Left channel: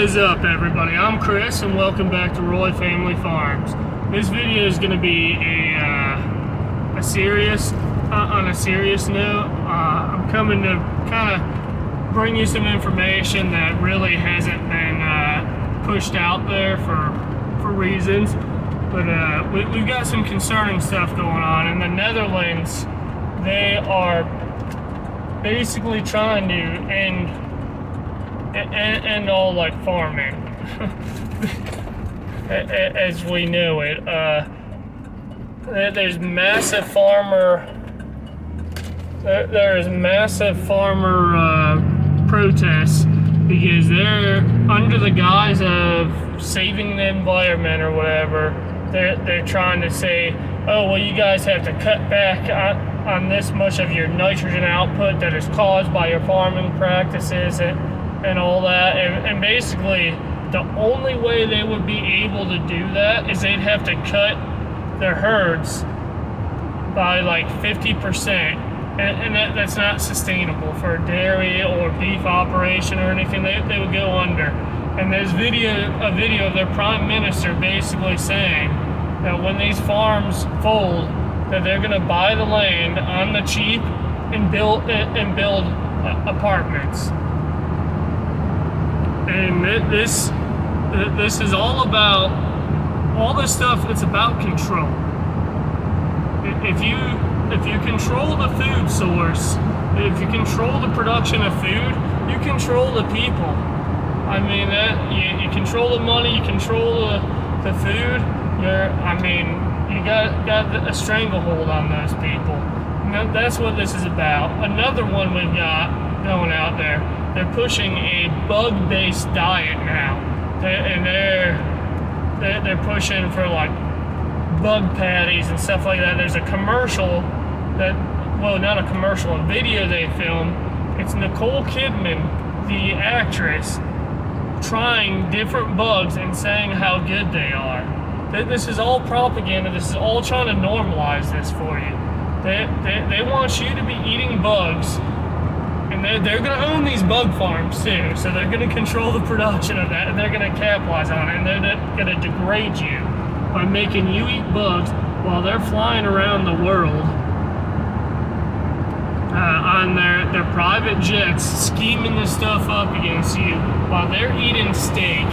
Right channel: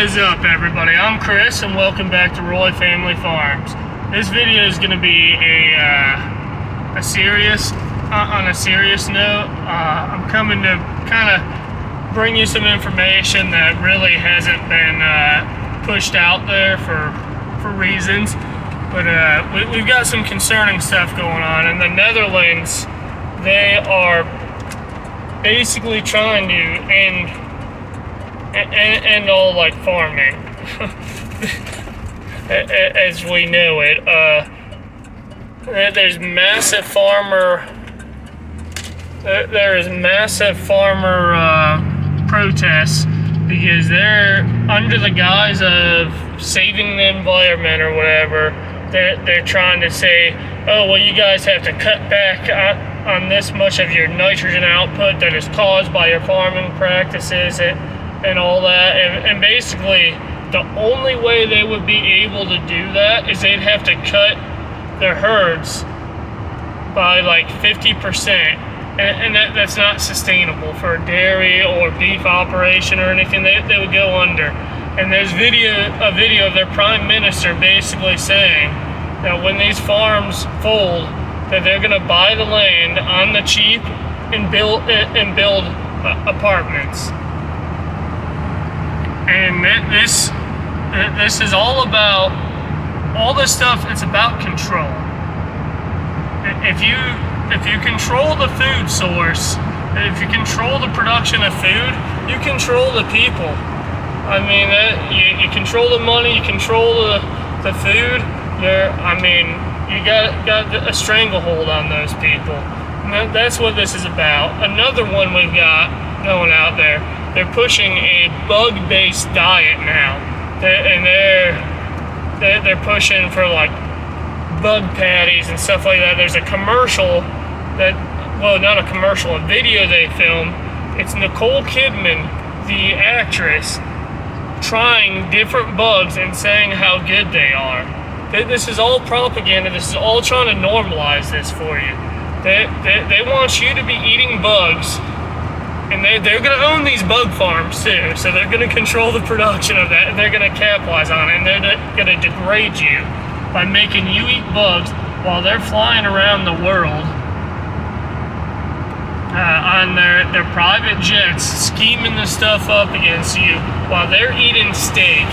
is up, everybody? I'm Chris, and welcome back to Roy Family Farms. This video is going to be on a serious note. I'm coming to kind of bring you some information that really hasn't been pushed out there for reasons. But we've got some concerning stuff going on. In the Netherlands, they are basically trying to end all like farming as we know it. There's massive farmer protests because they're under the guise of saving the environment or whatever. They're trying to say, oh well, you guys have to cut back on this much of your nitrogen output that is caused by your farming practices and all that, and basically the only way they would be able to do that is they'd have to cut their herds by like 50%, and that's not sustainable for a dairy or beef operation or anything. They would go under. And there's a video of their prime minister basically saying that when these farms fold, that they're going to buy the land on the cheap and build apartments. And this is all about, all this stuff, it's about control. If you control the food source, if you control the production of food, you control the people. I mean, you control the money, you control the food. You got a stranglehold on those people. And that's what this is about. Another one we've got going out there. They're pushing a bug-based diet now, and they're pushing for like bug patties and stuff like that. There's a commercial a video they filmed. It's Nicole Kidman, the actress, trying different bugs and saying how good they are. This is all propaganda. This is all trying to normalize this for you. They want you to be eating bugs. And they're going to own these bug farms too, so they're going to control the production of that, and they're going to capitalize on it, and they're going to degrade you by making you eat bugs while they're flying around the world on their private jets, scheming the stuff up against you while they're eating steak.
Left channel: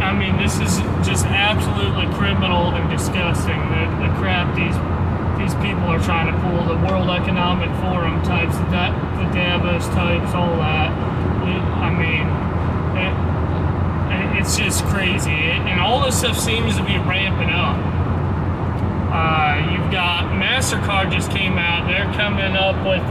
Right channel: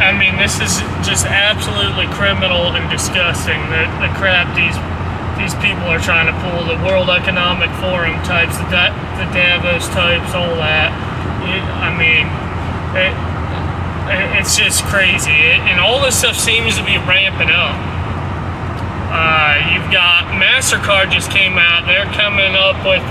I mean, this is just absolutely criminal and disgusting, the crap these people are trying to pull, the World Economic Forum types, the Davos types, all that. It's just crazy. And all this stuff seems to be ramping up. You've got MasterCard just came out. They're coming out with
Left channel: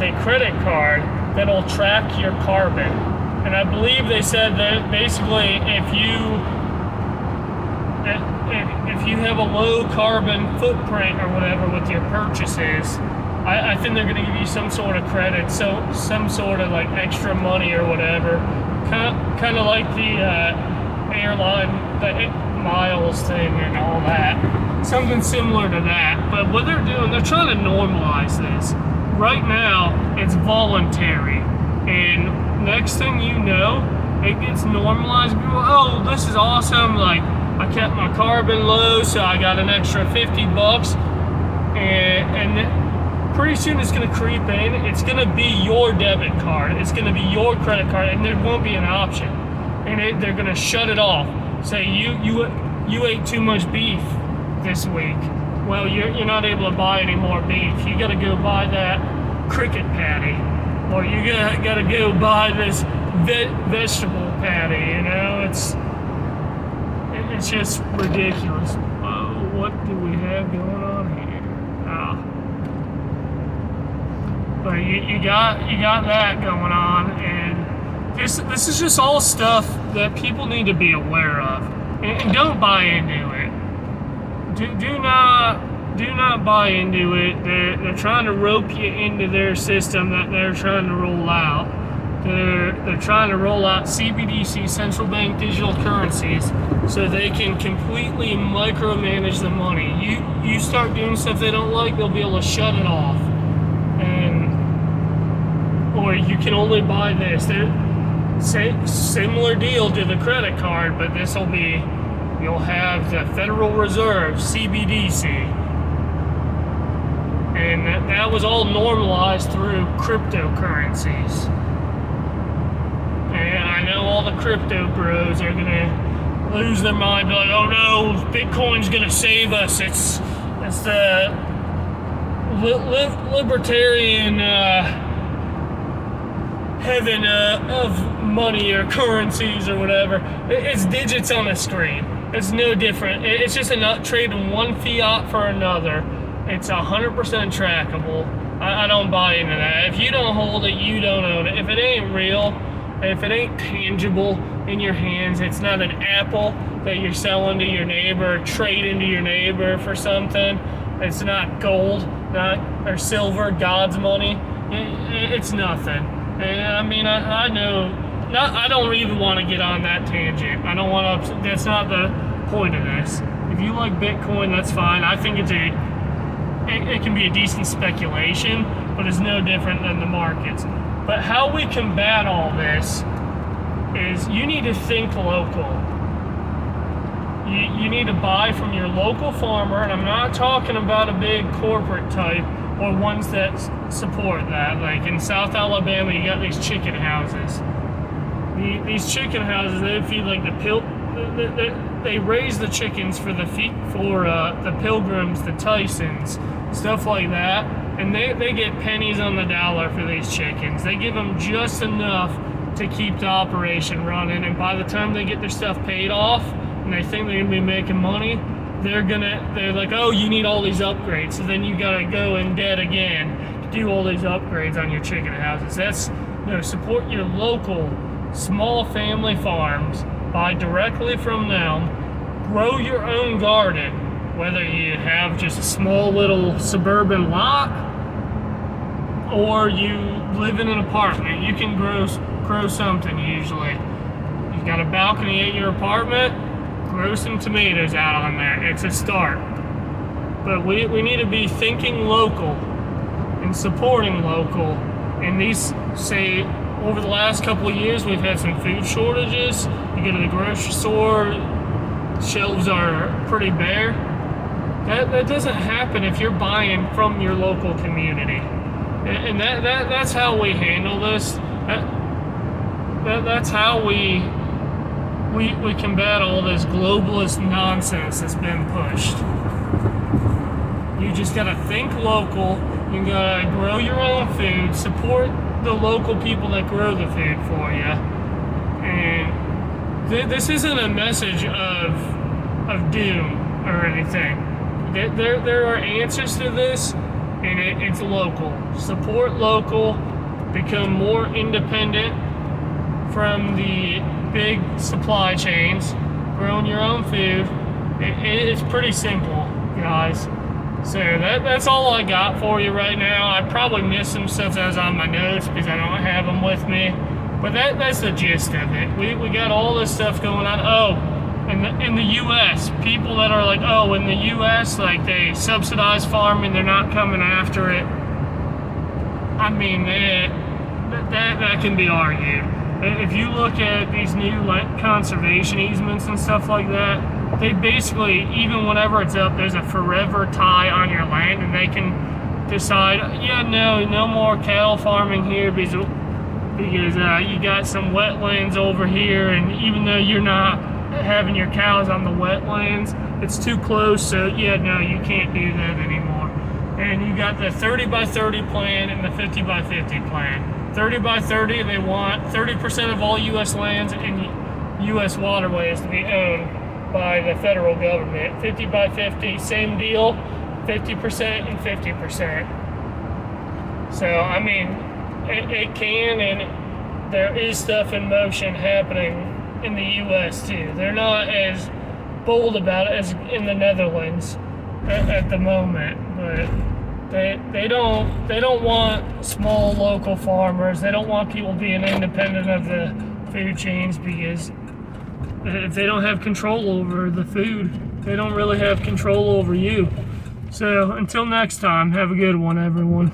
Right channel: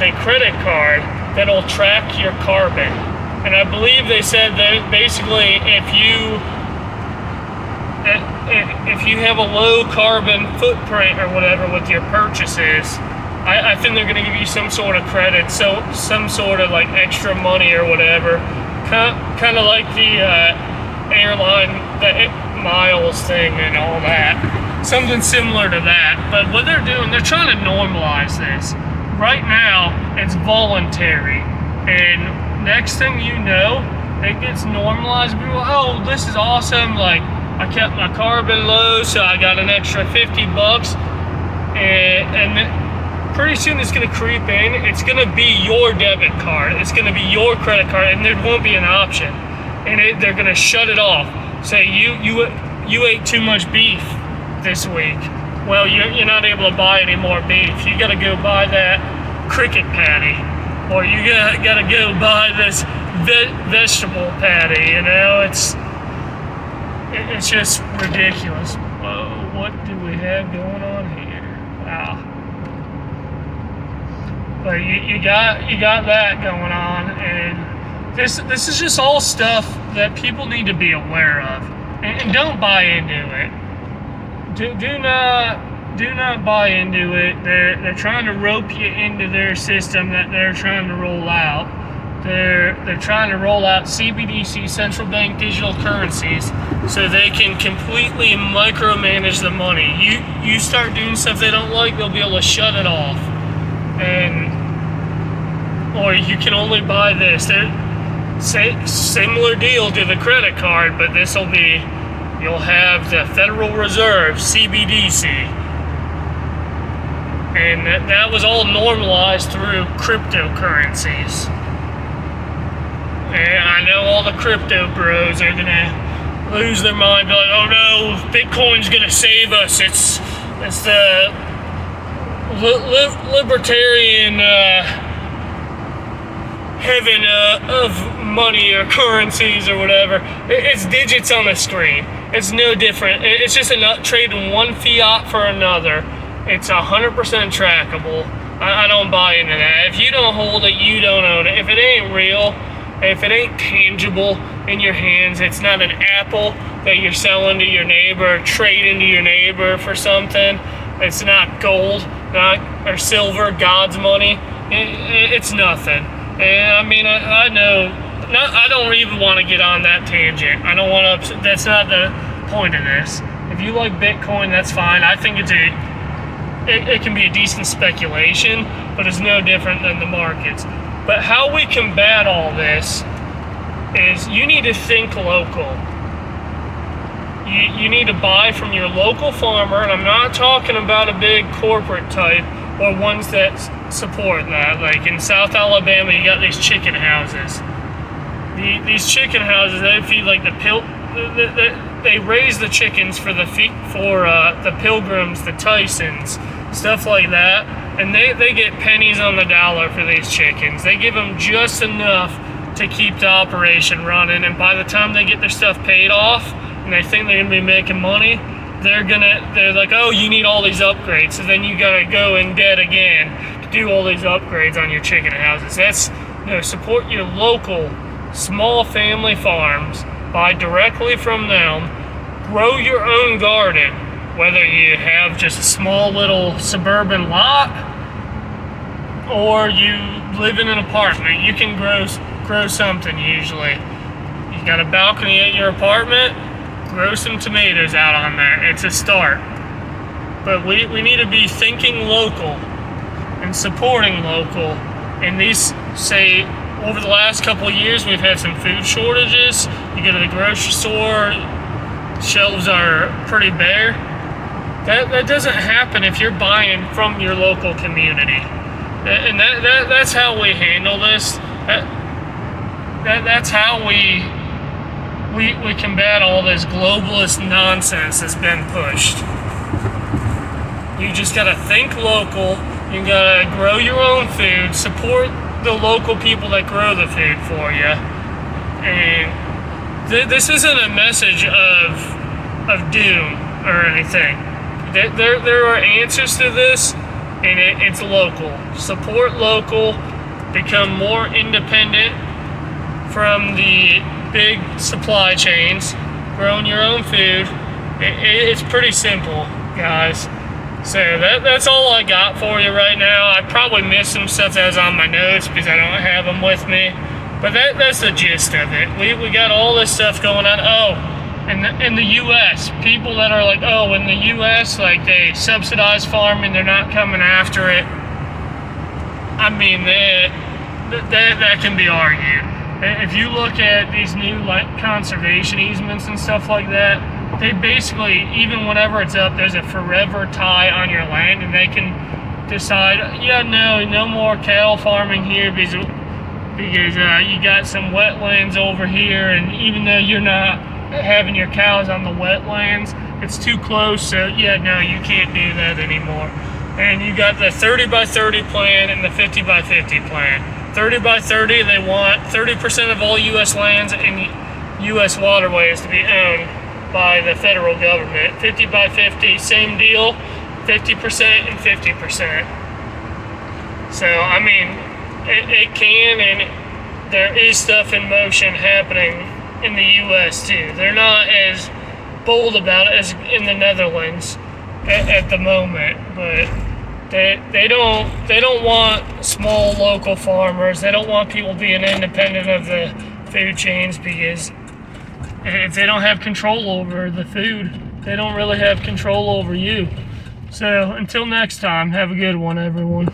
a credit card that'll track your carbon. And I believe they said that basically if you have a low carbon footprint or whatever with your purchases, I think they're going to give you some sort of credit, so some sort of like extra money or whatever, kind of like the airline, the miles thing and all that, something similar to that. But what they're doing, they're trying to normalize this. Right now, it's voluntary, and next thing you know, it gets normalized. People, oh, this is awesome, like, I kept my carbon low, so I got an extra $50, and pretty soon it's going to creep in. It's going to be your debit card. It's going to be your credit card, and there won't be an option. And they're going to shut it off. Say you ate too much beef this week. Well, you're not able to buy any more beef. You got to go buy that cricket patty, or you got to go buy this vegetable patty. You know, it's just ridiculous. What do we have going on here? But you got that going on, and this is just all stuff that people need to be aware of, and don't buy into it. Do not buy into it. They're trying to rope you into their system that they're trying to roll out. They're trying to roll out CBDC, central bank digital currencies, so they can completely micromanage the money. You start doing stuff they don't like, they'll be able to shut it off. And or you can only buy this. Similar deal to the credit card, but this will be, you'll have the Federal Reserve, CBDC. And that was all normalized through cryptocurrencies. And I know all the crypto bros are gonna lose their mind, be like, oh no, Bitcoin's gonna save us. It's the libertarian heaven of money or currencies or whatever. It's digits on a screen. It's no different. It's just trading one fiat for another. It's 100% trackable. I don't buy into that. If you don't hold it, you don't own it. If it ain't real, if it ain't tangible in your hands, it's not an apple that you're selling to your neighbor, trading to your neighbor for something. It's not gold, or silver, God's money. It's nothing. And I mean, I know. I don't even want to get on that tangent. I don't want to. That's not the point of this. If you like Bitcoin, that's fine. I think it can be a decent speculation, but it's no different than the markets. But how we combat all this is you need to think local. You need to buy from your local farmer, and I'm not talking about a big corporate type or ones that support that. Like in South Alabama, you got these chicken houses. These chicken houses, they feed like they raise the chickens for the Pilgrims, the Tysons, stuff like that, and they get pennies on the dollar for these chickens. They give them just enough to keep the operation running, and by the time they get their stuff paid off and they think they're gonna be making money, they're like, oh, you need all these upgrades, so then you gotta go in debt again to do all these upgrades on your chicken houses. Support your local small family farms, buy directly from them, grow your own garden, whether you have just a small little suburban lot or you live in an apartment. You can grow something usually. You got a balcony at your apartment, grow some tomatoes out on there. It's a start. But we need to be thinking local and supporting local. And these, say, over the last couple of years, we've had some food shortages. You go to the grocery store, shelves are pretty bare. That doesn't happen if you're buying from your local community. And that's how we handle this. That's how we combat all this globalist nonsense that's been pushed. You just gotta think local. You gotta grow your own food, support the local people that grow the food for you. And this isn't a message of doom or anything. There are answers to this, and it's local. Support local, become more independent from the big supply chains, growing your own food. It's pretty simple, guys. So that's all I got for you right now. I probably missed some stuff that was on my notes because I don't have them with me. But that's the gist of it. We got all this stuff going on. Oh, in the U.S., people that are like, oh, in the U.S., like they subsidize farming, they're not coming after it. I mean, that can be argued. If you look at these new conservation easements and stuff like that, they basically, even whenever it's up, there's a forever tie on your land, and they can decide, yeah, no more cattle farming here because you got some wetlands over here, and even though you're not having your cows on the wetlands, it's too close, so yeah, no, you can't do that anymore. And you got the 30 by 30 plan and the 50 by 50 plan. 30 by 30, they want 30% of all U.S. lands and U.S. waterways to be owned by the federal government. 50 by 50, same deal, 50% and 50%. So, I mean, it can, and there is stuff in motion happening in the U.S. too. They're not as bold about it as in the Netherlands at the moment, but they don't want small local farmers. They don't want people being independent of the food chains, because if they don't have control over the food, they don't really have control over you. So until next time, have a good one, everyone.